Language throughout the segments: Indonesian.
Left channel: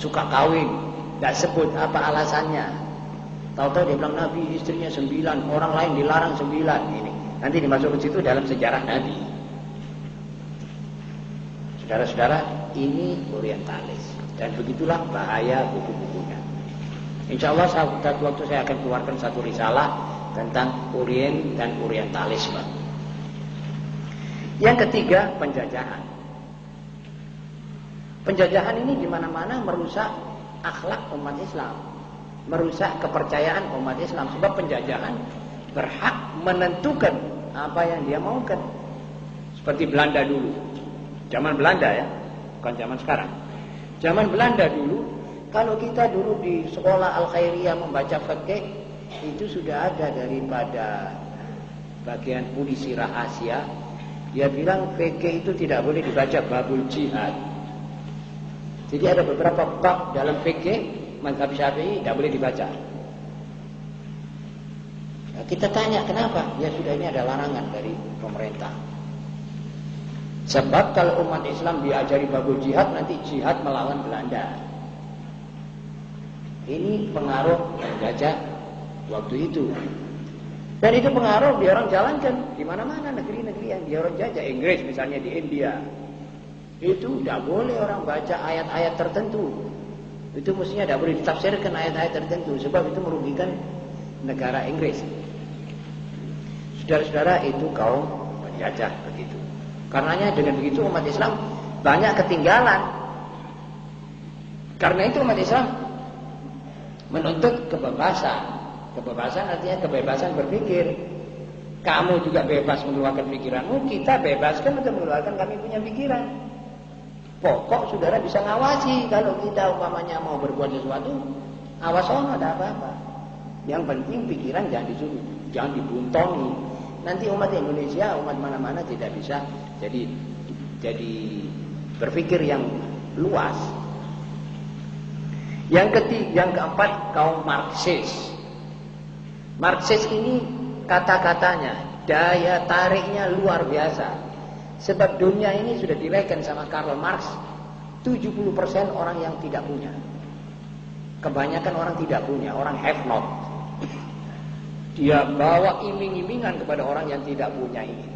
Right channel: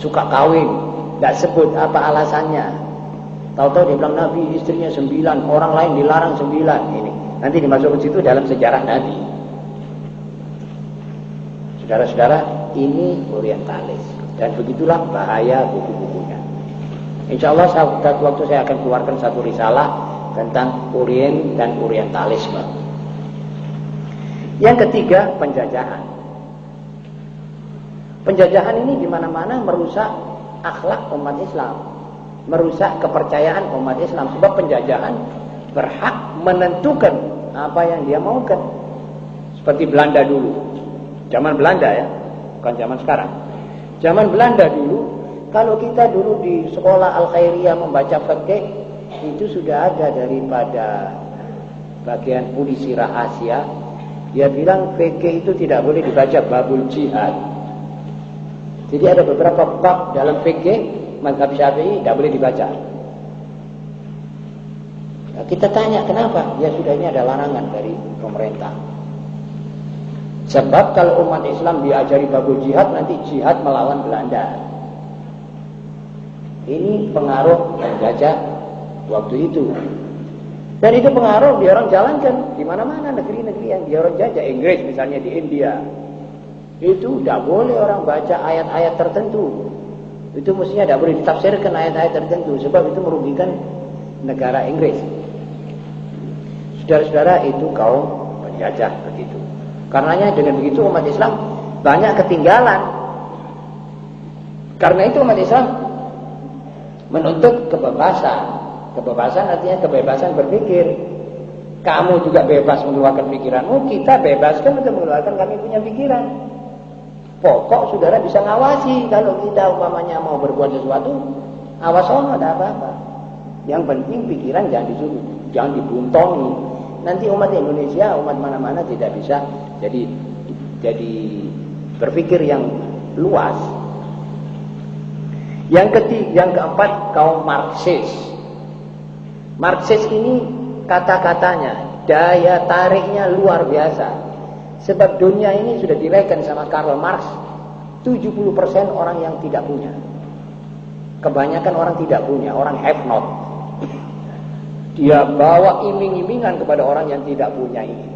suka kawin, tidak sebut apa alasannya. Tahu-tahu dia bilang Nabi istrinya 9, orang lain dilarang 9. Nanti dimasuk ke situ dalam sejarah Nabi. Saudara-saudara, ini orientalis. Dan begitulah bahaya buku-bukunya. Insya Allah suatu waktu saya akan keluarkan satu risalah tentang Orient dan orientalisme. Yang ketiga, penjajahan. Penjajahan ini di mana-mana merusak akhlak umat Islam, merusak kepercayaan umat Islam. Sebab penjajahan berhak menentukan apa yang dia maukan. Seperti Belanda dulu, zaman Belanda ya, bukan zaman sekarang. Zaman Belanda dulu, kalau kita dulu di sekolah Al-Khairiyah membaca fikih, itu sudah ada daripada bagian polisi rahasia. Dia bilang fikih itu tidak boleh dibaca babul jihad. Jadi ada beberapa bab dalam fikih mazhab Syafi'i tidak boleh dibaca. Nah, kita tanya kenapa? Ya sudah, ini ada larangan dari pemerintah. Sebab kalau umat Islam diajari babul jihad, nanti jihad melawan Belanda. Ini pengaruh penjajah waktu itu. Dan itu pengaruh dia orang jalankan di mana-mana negeri-negeri yang dia orang jajah. Inggris misalnya di India, itu tidak boleh orang baca ayat-ayat tertentu. Itu mestinya tidak boleh ditafsirkan ayat-ayat tertentu, sebab itu merugikan negara Inggris. Saudara-saudara, itu kaum penjajah begitu. Karenanya dengan begitu umat Islam banyak ketinggalan. Karena itu umat Islam menuntut kebebasan. Kebebasan artinya kebebasan berpikir. Kamu juga bebas mengeluarkan pikiranmu, kita bebaskan untuk mengeluarkan kami punya pikiran. Pokok saudara bisa ngawasi. Kalau kita umpamanya mau berbuat sesuatu, awas ono, ada apa-apa. Yang penting pikiran jangan dicuri, jangan dibuntongi. Nanti umat Indonesia, umat mana-mana tidak bisa jadi berpikir yang luas. Yang ketiga, yang keempat, kaum Marxis. Marxis ini kata-katanya, daya tariknya luar biasa. Sebab dunia ini sudah dirasakan sama Karl Marx, 70% orang yang tidak punya. Kebanyakan orang tidak punya, orang have not. Dia bawa iming-imingan kepada orang yang tidak punya ini.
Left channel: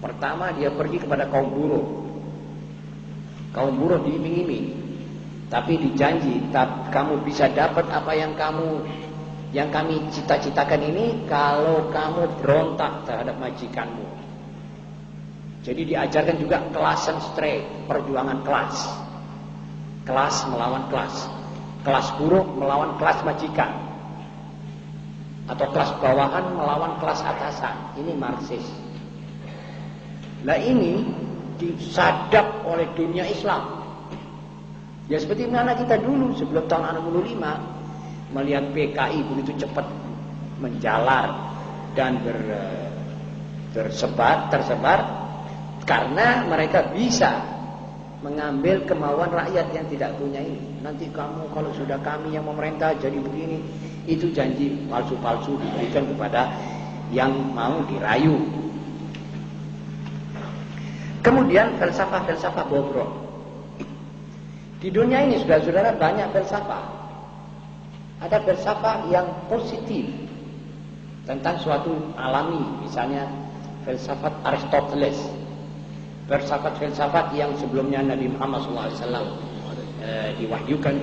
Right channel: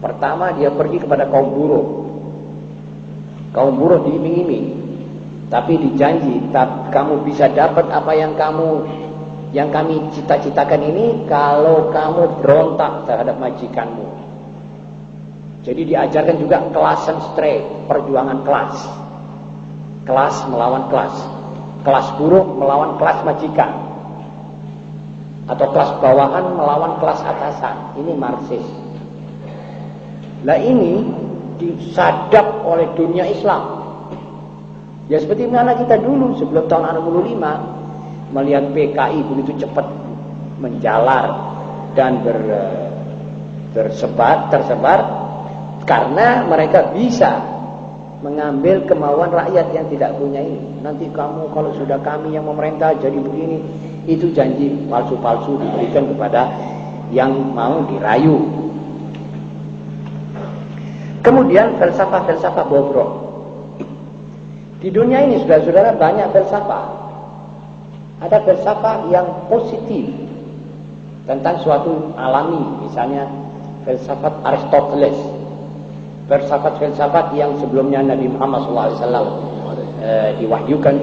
Pertama dia pergi kepada kaum buruh. Kaum buruh diiming-iming, tapi dijanji, kamu bisa dapat apa yang kami cita-citakan ini kalau kamu berontak terhadap majikanmu. Jadi diajarkan juga kelasan straight, perjuangan kelas. Kelas melawan kelas. Kelas buruh melawan kelas majikan. Atau kelas bawahan melawan kelas atasan. Ini Marxis. Nah ini disadap oleh dunia Islam. Ya seperti mana kita dulu sebelum tahun 65 melihat PKI begitu cepat menjalar dan tersebar karena mereka bisa mengambil kemauan rakyat yang tidak punya ini. Nanti kamu kalau sudah kami yang memerintah jadi begini, itu janji palsu-palsu diberikan kepada yang mau dirayu. Kemudian filsafah-filsafah bobrok. Di dunia ini saudara-saudara banyak filsafah. Ada filsafah yang positif tentang suatu alami, misalnya filsafat Aristoteles. Filsafat-filsafat yang sebelumnya Nabi Muhammad SAW diwahyukan,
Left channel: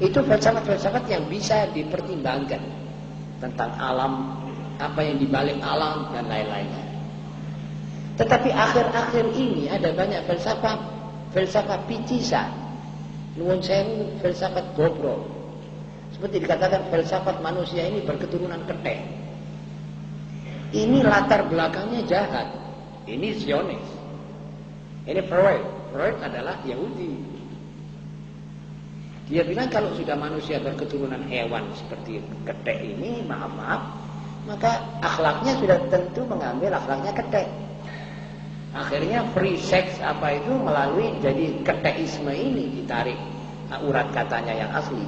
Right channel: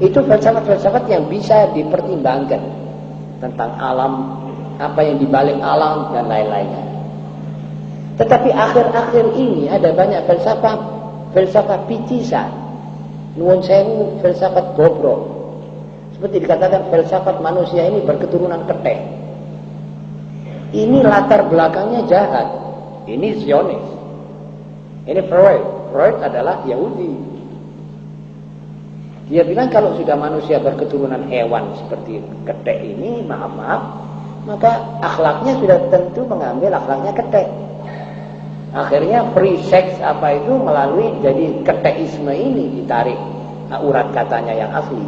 itu filsafat-filsafat yang bisa dipertimbangkan tentang alam, apa yang dibalik alam dan lain-lainnya. Tetapi akhir-akhir ini ada banyak filsafat picisan, nuwun sewu, filsafat bobrok. Seperti dikatakan filsafat manusia ini berketurunan ketek. Ini latar belakangnya jahat. Ini Zionis. Ini Freud. Freud adalah Yahudi. Dia bilang kalau sudah manusia berketurunan hewan seperti ketek ini, maaf, maka akhlaknya sudah tentu mengambil akhlaknya ketek. Akhirnya free sex apa itu melalui jadi keteisme ini ditarik urat katanya yang asli.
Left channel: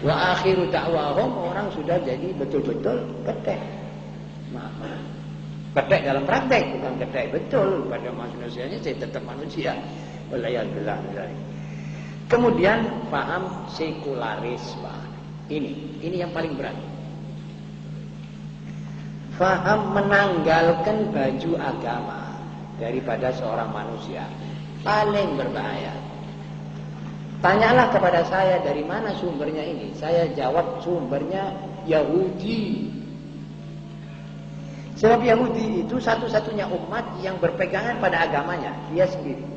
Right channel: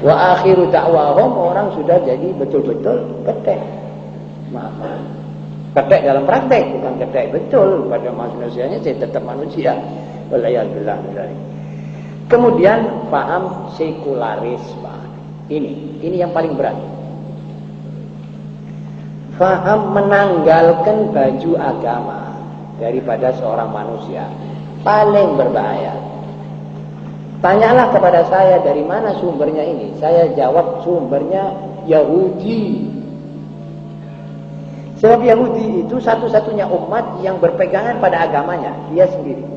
Wa akhiru da'wahum, orang sudah jadi betul-betul ketek. Maaf. Ketek dalam praktek, bukan ketek betul. Pada manusianya saya tetap manusia. Waliyahillah. Kemudian paham sekularisme. Ini yang paling berat. Faham menanggalkan baju agama daripada seorang manusia paling berbahaya. Tanyalah kepada saya dari mana sumbernya ini. Saya jawab sumbernya Yahudi. Sebab Yahudi itu satu-satunya umat yang berpegangan pada agamanya, dia sendiri.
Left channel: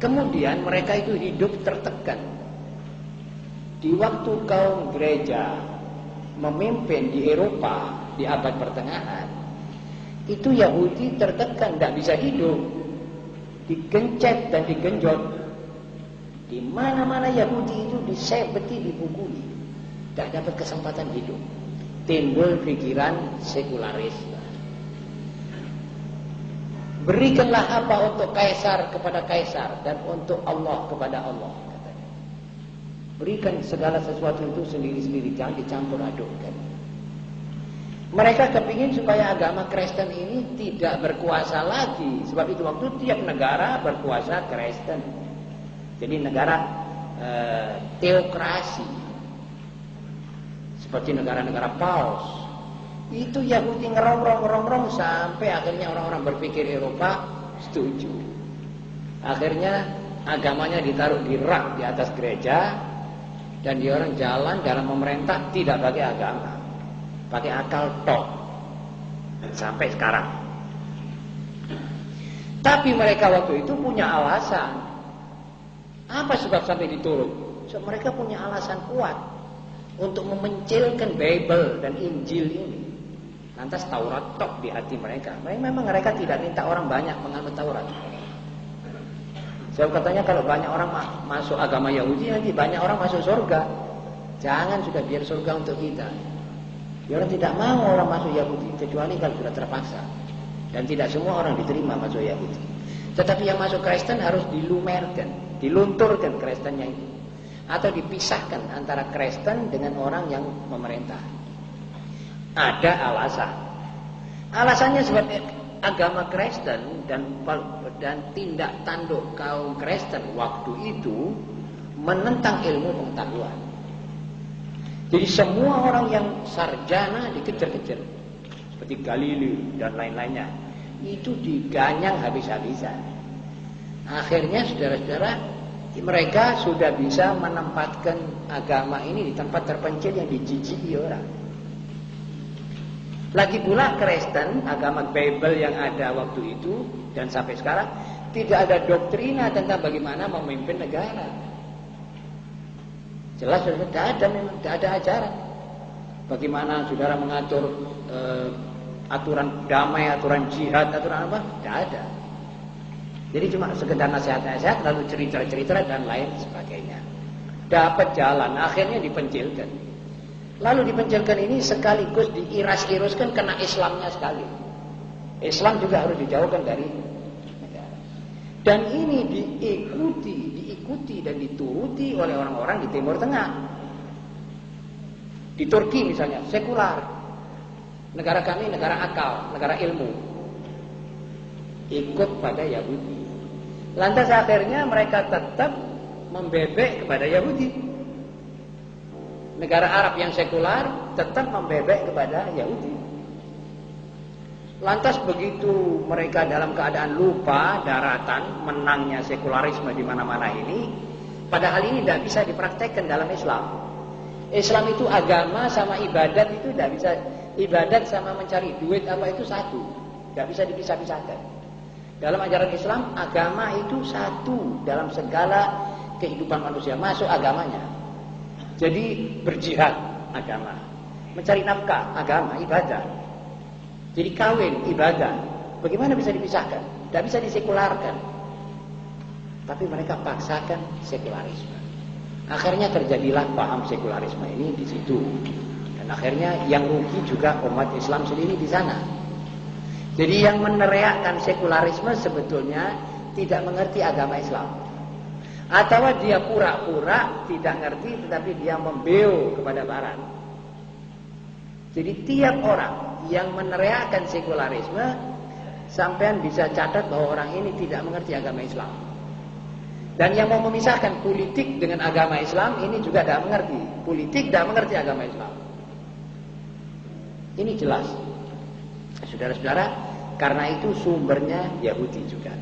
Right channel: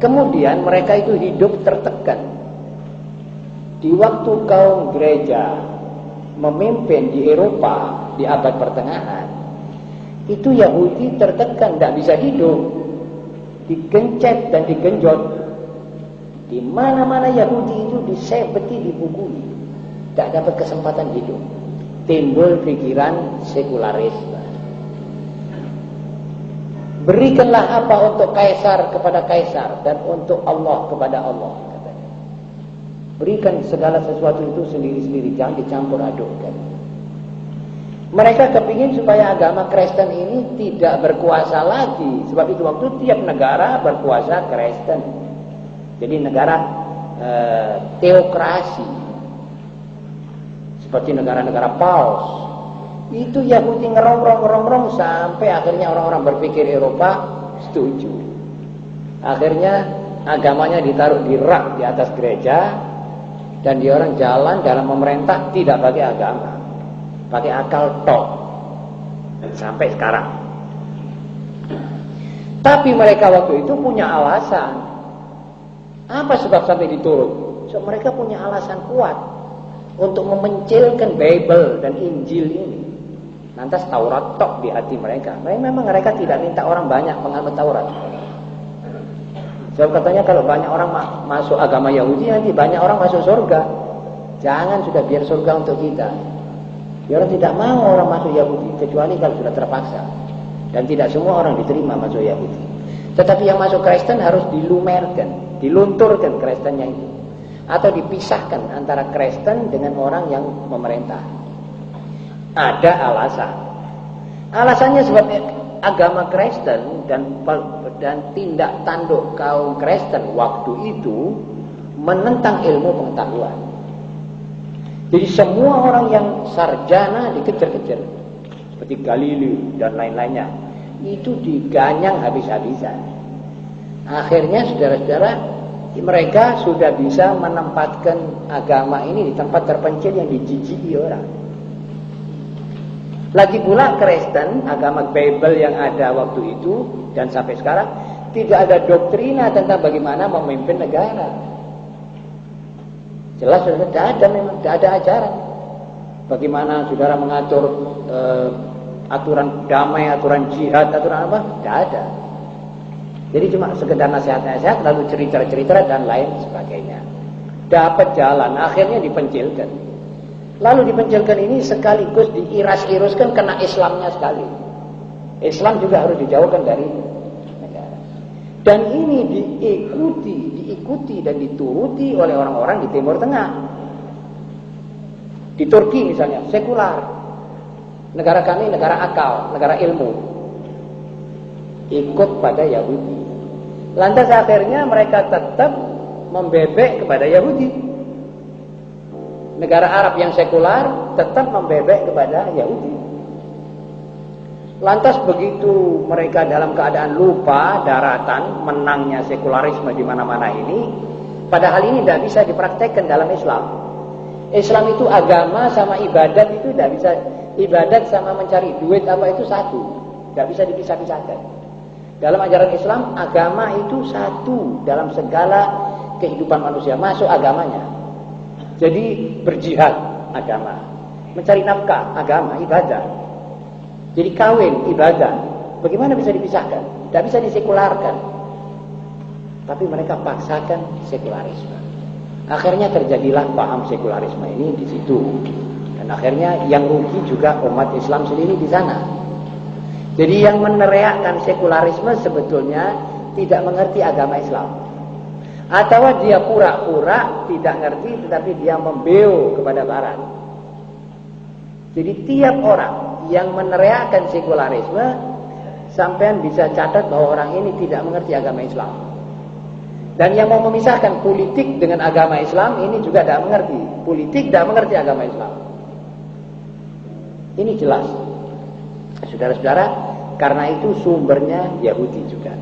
Kemudian mereka itu hidup tertekan. Di waktu kaum gereja memimpin di Eropa di abad pertengahan, itu Yahudi tertekan, tidak bisa hidup, digencet dan digenjot. Di mana-mana Yahudi itu disebeti, dibukui, tidak dapat kesempatan hidup. Timbul pikiran sekularisme. Berikanlah apa untuk kaisar kepada kaisar dan untuk Allah kepada Allah. Berikan segala sesuatu itu sendiri-sendiri, jangan dicampur adukkan. Mereka kepingin supaya agama Kristen ini tidak berkuasa lagi. Sebab itu waktu tiap negara berkuasa Kristen. Jadi negara teokrasi. Seperti negara-negara Paus. Itu Yahudi ngerongrong sampai akhirnya orang-orang berpikir Eropa setuju. Akhirnya agamanya ditaruh di rak di atas gereja. Dan dia orang jalan dalam memerintah tidak pakai agama. Pakai akal tok. Dan sampai sekarang. Tapi mereka waktu itu punya alasan. Apa sebab sampai diturun? So, mereka punya alasan kuat untuk memencilkan Bible dan Injil ini. Lantas Taurat tok di hati mereka. Memang mereka tidak minta orang banyak menganut Taurat. So, katanya kalau banyak orang masuk agama Yahudi, nanti banyak orang masuk surga. Jangan kita biar surga untuk kita. Dia tidak mau orang masuk Yahudi, kecuali kalau sudah terpaksa. Dan tidak semua orang diterima masuk Yahudi. Tetapi yang masuk Kristen harus dilumerkan, dilunturkan Kristen yang itu. Atau dipisahkan antara Kristen dengan orang yang memerintah. Ada alasan. Alasannya sebab agama Kristen dan tindak tanduk kaum Kristen waktu itu menentang ilmu pengetahuan. Jadi semua orang yang sarjana dikejar-kejar, seperti Galilei dan lain-lainnya, itu diganyang habis-habisan. Akhirnya saudara-saudara, mereka sudah bisa menempatkan agama ini di tempat terpencil yang dijijiki orang. Lagi pula Kristen, agama Bible yang ada waktu itu dan sampai sekarang, tidak ada doktrina tentang bagaimana memimpin negara. Jelas tidak ada ajaran. Bagaimana saudara mengatur aturan damai, aturan jihad, aturan apa? Tidak ada. Jadi cuma sekedar nasihat-nasihat, lalu cerita-cerita dan lain sebagainya. Dapat jalan, akhirnya dipencilkan. Lalu dipencilkan ini sekaligus diiras-iraskan kena Islamnya sekali. Islam juga harus dijauhkan dari negara. Dan ini diikuti dan dituruti oleh orang-orang di Timur Tengah. Di Turki misalnya, sekular. Negara kami negara akal, negara ilmu. Ikut pada Yahudi. Lantas akhirnya mereka tetap membebek kepada Yahudi. Negara Arab yang sekular tetap membebek kepada Yahudi. Lantas begitu mereka dalam keadaan lupa daratan menangnya sekularisme di mana-mana ini, padahal ini tidak bisa dipraktekkan dalam Islam. Islam itu agama sama ibadat itu tidak bisa, ibadat sama mencari duit apa itu satu, tidak bisa dipisah-pisahkan. Dalam ajaran Islam agama itu satu dalam segala kehidupan manusia, masuk agamanya. Jadi berjihad agama, mencari nafkah agama, ibadah. Jadi kawin ibadah. Bagaimana bisa dipisahkan? Tidak bisa disekularkan. Tapi mereka paksakan sekularisme. Akhirnya terjadilah paham sekularisme ini di situ. Dan akhirnya yang rugi juga umat Islam sendiri di sana. Jadi yang meneriakkan sekularisme sebetulnya tidak mengerti agama Islam. Atau dia pura-pura tidak ngerti tetapi dia membeu kepada barat. Jadi tiap orang yang meneriakkan sekularisme, sampean bisa catat bahwa orang ini tidak mengerti agama Islam. Dan yang mau memisahkan politik dengan agama Islam ini juga tidak mengerti. Politik tidak mengerti agama Islam. Ini jelas. Saudara-saudara, karena itu sumbernya Yahudi juga.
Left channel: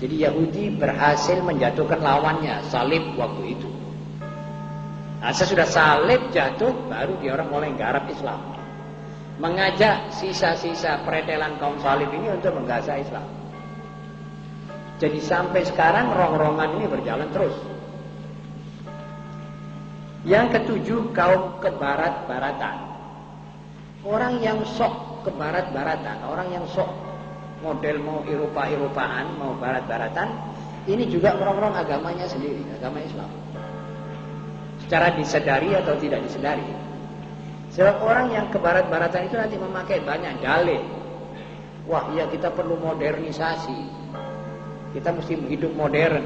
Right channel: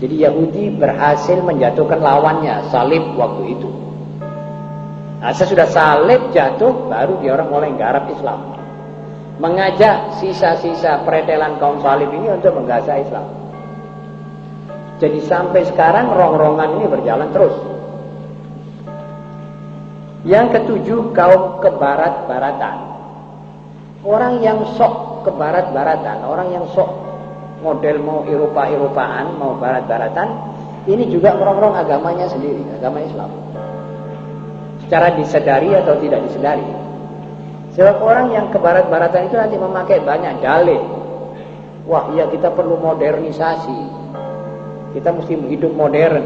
Jadi Yahudi berhasil menjatuhkan lawannya, salib waktu itu. Nah, sesudah salib jatuh, baru dia orang mulai menggarap Islam. Mengajak sisa-sisa pretelan kaum salib ini untuk menggasak Islam. Jadi sampai sekarang rongrongan ini berjalan terus. Yang ketujuh, kaum kebarat-baratan. Orang yang sok kebarat-baratan, orang yang sok model mau Eropa-Eropaan, mau barat-baratan, ini juga merongrong agamanya sendiri, agama Islam. Secara disadari atau tidak disadari. Sebab orang yang kebarat-baratan itu nanti memakai banyak dalih. Wah, ya kita perlu modernisasi. Kita mesti hidup modern.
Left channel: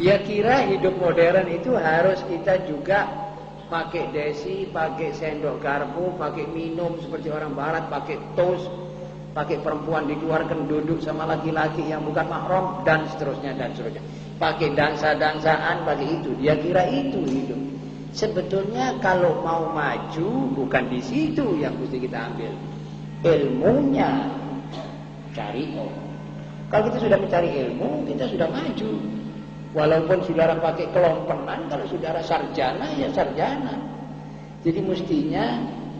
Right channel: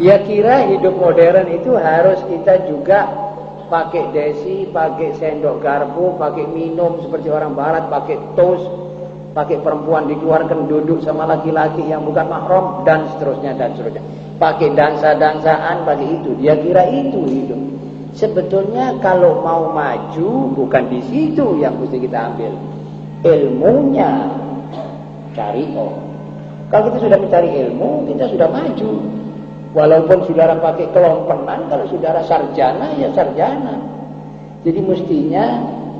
Dia kira hidup modern itu harus kita juga pakai desi, pakai sendok garpu, pakai minum seperti orang barat, pakai tos, pakai perempuan dikeluarkan duduk sama laki-laki yang bukan mahram, dan seterusnya dan seterusnya. Pakai dansa-dansaan, pakai itu. Dia kira itu hidup. Sebetulnya kalau mau maju bukan di situ yang mesti kita ambil. Ilmunya cari Kalau kita sudah mencari ilmu, kita sudah maju. Walaupun saudara pakai kelompokan, kalau saudara sarjana, ya sarjana. Jadi mestinya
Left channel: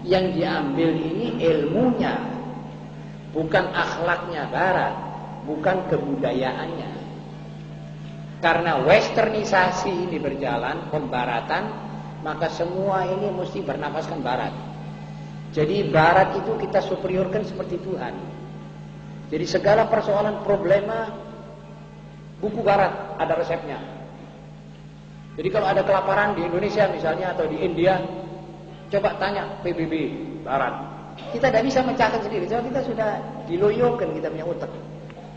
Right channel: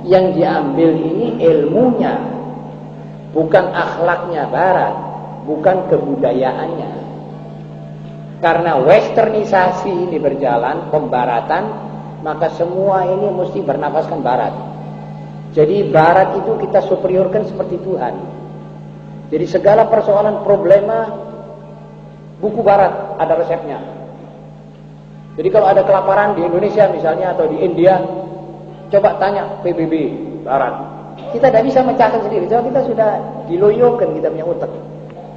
yang diambil ini ilmunya, bukan akhlaknya barat, bukan kebudayaannya. Karena westernisasi ini berjalan, pembaratan, maka semua ini mesti bernafaskan barat. Jadi barat itu kita superiorkan seperti Tuhan. Jadi segala persoalan problema, buku barat ada resepnya. Jadi kalau ada kelaparan di Indonesia misalnya atau di India, coba tanya PBB barat. Kita tidak bisa mencatat sendiri, sebab kita sudah diloyokan, kita punya otak.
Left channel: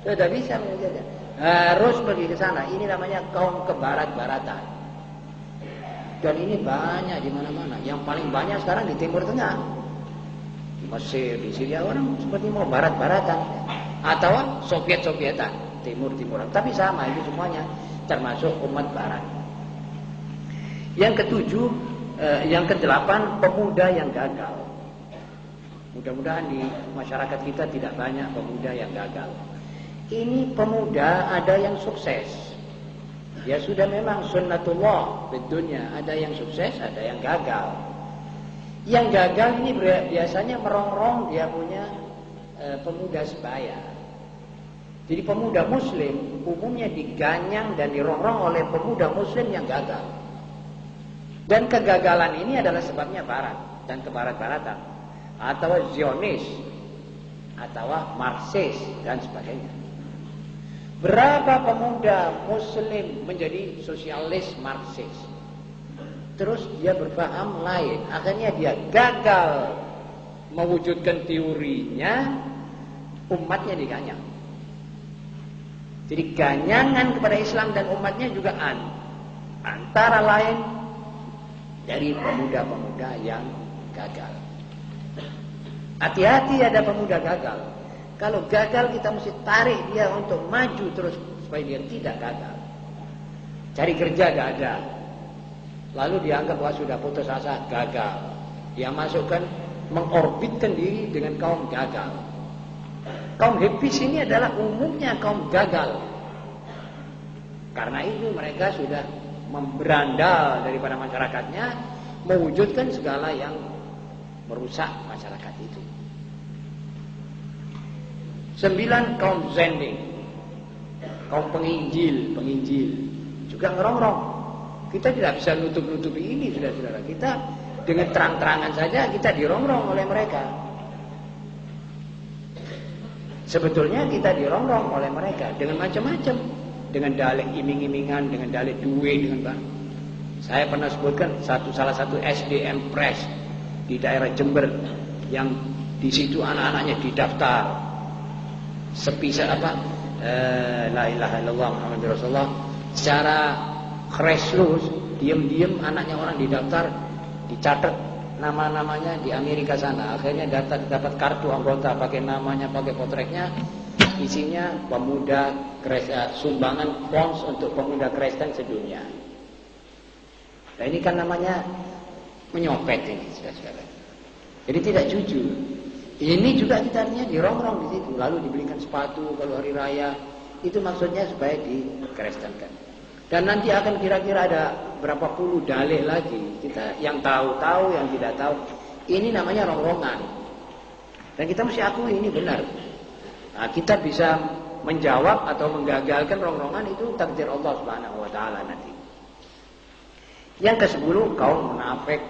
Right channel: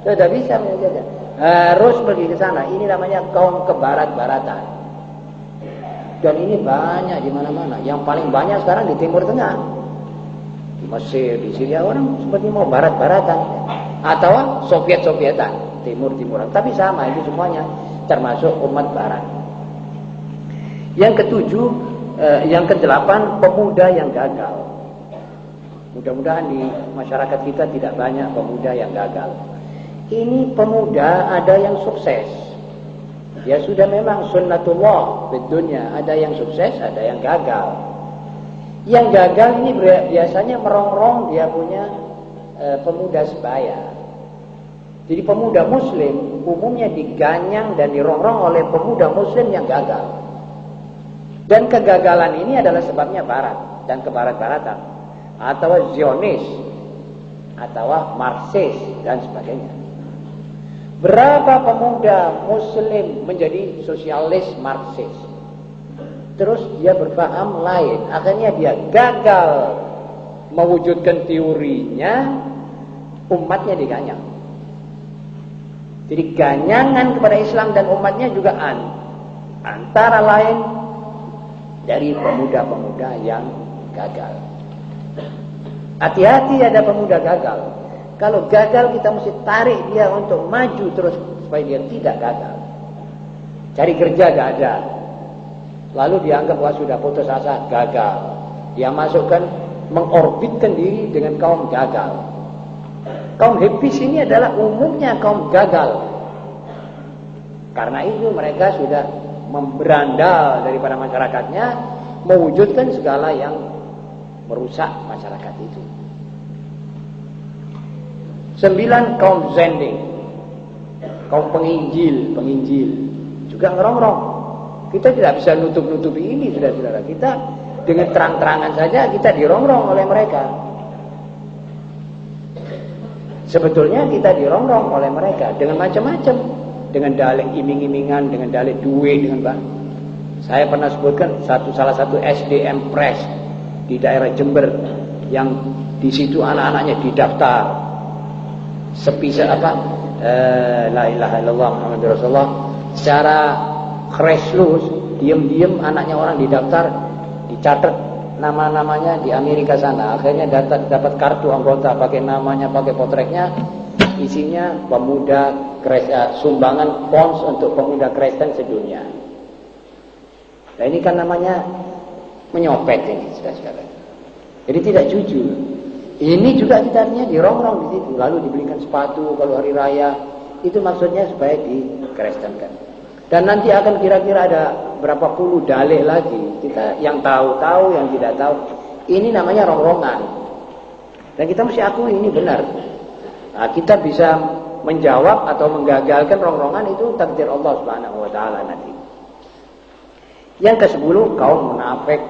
Kita tidak bisa menjaga. Harus pergi ke sana. Ini namanya kaum kebarat-baratan. Dan ini banyak di mana-mana. Yang paling banyak sekarang di Timur Tengah. Di Mesir, di Syria, orang seperti mau barat-baratan. Atau Soviet-Sovietan, Timur-Timuran. Tapi sama, itu semuanya termasuk umat barat. Yang ketujuh, yang kedelapan, pemuda yang gagal. Mudah-mudahan di masyarakat kita tidak banyak pemuda yang gagal. Ini pemuda ada yang sukses. Ya sudah memang sunnatullah di dunia. Ada yang sukses, ada yang gagal. Yang gagal ini biasanya merongrong dia punya pemuda sebaya. Jadi pemuda muslim umumnya diganyang dan dirongrong oleh pemuda muslim yang gagal. Dan kegagalan ini adalah sebabnya barat dan kebarat-baratan. Atau Zionis, atau Marxis dan sebagainya. Berapa pemuda muslim menjadi sosialis Marxis? Terus dia berpaham lain. Akhirnya dia gagal mewujudkan teorinya, umatnya diganyang. Jadi ganyangan kepada Islam dan umatnya juga antara lain dari pemuda-pemuda yang gagal. Hati-hati ada pemuda gagal. Kalau gagal kita mesti tarik dia untuk maju terus supaya dia tidak gagal. Cari kerja gagal. Lalu dianggap wah sudah putus asa, gagal. Dia masukkan mengorbitkan diri dengan kaum gagal. Kaum hipis ini adalah umumnya kaum gagal. Karena itu mereka sudah memberandal daripada masyarakatnya, mewujudkan segala yang merusak masyarakat itu. 9, kaum zending, kaum penginjil juga ngerongrong. Kita tidak bisa nutup-nutupi ini, saudara-saudara. Kita dengan terang-terangan saja kita dirongrong oleh mereka. Sebetulnya kita dirongrong oleh mereka dengan macam-macam, dengan dalih iming-imingan, dengan dalih duit, dengan saya pernah sebutkan salah satu SDM Press di daerah Jember yang di situ anak-anaknya didaftar. Sepi apa? La ilaha illallah Muhammadur Rasulullah. Secara cashless, diam-diam anaknya orang didaftar, dicatat nama-namanya di Amerika sana. Akhirnya dapat kartu anggota, pakai namanya, pakai potretnya, isinya pemuda sumbangan fonds untuk pemuda Kristen sedunia. Nah, ini kan namanya menyopet ini, saudara-saudara. Jadi tidak jujur. Ini juga ditanya dirongrong di situ, lalu dibelikan sepatu kalau hari raya. Itu maksudnya supaya dikrestenkan. Dan nanti akan kira-kira ada berapa puluh dalih lagi. Kita yang tahu-tahu, yang tidak tahu. Ini namanya rongrongan. Dan kita mesti akui ini benar. Nah, kita bisa menjawab atau menggagalkan rongrongan itu takdir Allah Subhanahu wa taala nanti. Yang ke-10, kaum munafik.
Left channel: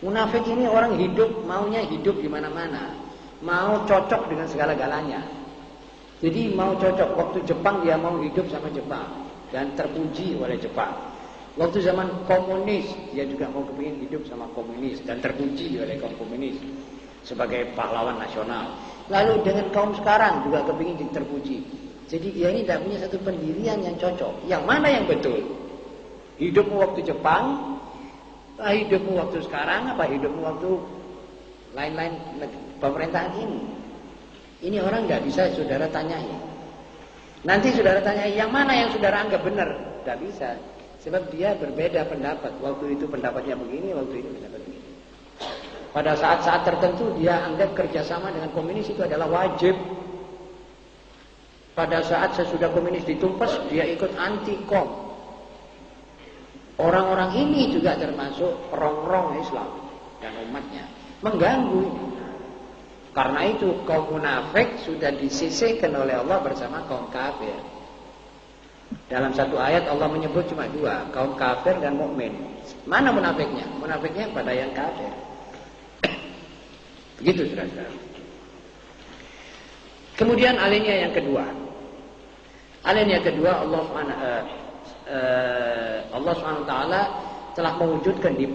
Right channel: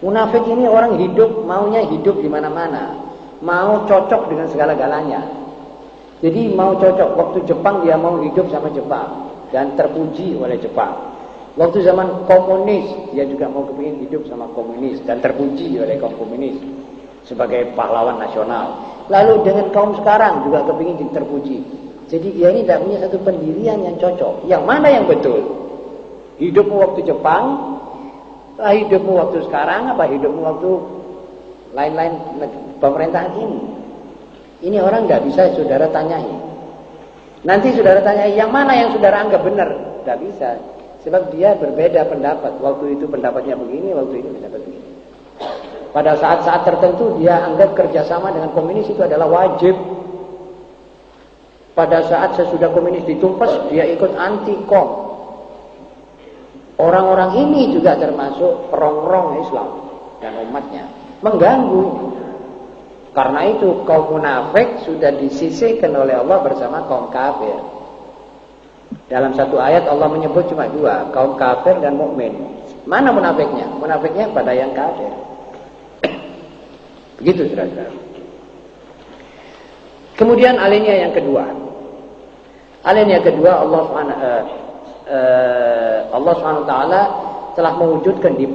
Munafik ini orang hidup, maunya hidup di mana-mana. Mau cocok dengan segala-galanya. Jadi mau cocok, waktu Jepang dia mau hidup sama Jepang dan terpuji oleh Jepang. Waktu zaman komunis dia juga mau kepingin hidup sama komunis dan terpuji oleh kaum komunis sebagai pahlawan nasional. Lalu dengan kaum sekarang juga kepingin terpuji. Jadi dia ini tidak punya satu pendirian yang cocok. Yang mana yang betul? Hidupmu waktu Jepang, hidupmu waktu sekarang, apa hidupmu waktu lain-lain pemerintahan ini? Ini orang tidak bisa saudara tanyai. Nanti saudara tanyai, yang mana yang saudara anggap benar? Tidak bisa. Sebab dia berbeda pendapat. Waktu itu pendapatnya begini, waktu itu pendapat begini. Pada saat-saat tertentu dia anggap kerjasama dengan komunis itu adalah wajib. Pada saat sesudah komunis ditumpas, dia ikut anti-kom. Orang-orang ini juga termasuk rongrong Islam dan umatnya. Mengganggu. Karena itu kaum munafik sudah disisihkan oleh Allah bersama kaum kafir. Dalam satu ayat Allah menyebut cuma dua, kaum kafir dan mukmin. Mana munafiknya? Munafiknya pada yang kafir. Begitu saudara. Kemudian alinea yang kedua. Alinea kedua Allah Subhanahu wa taala telah mewujudkan di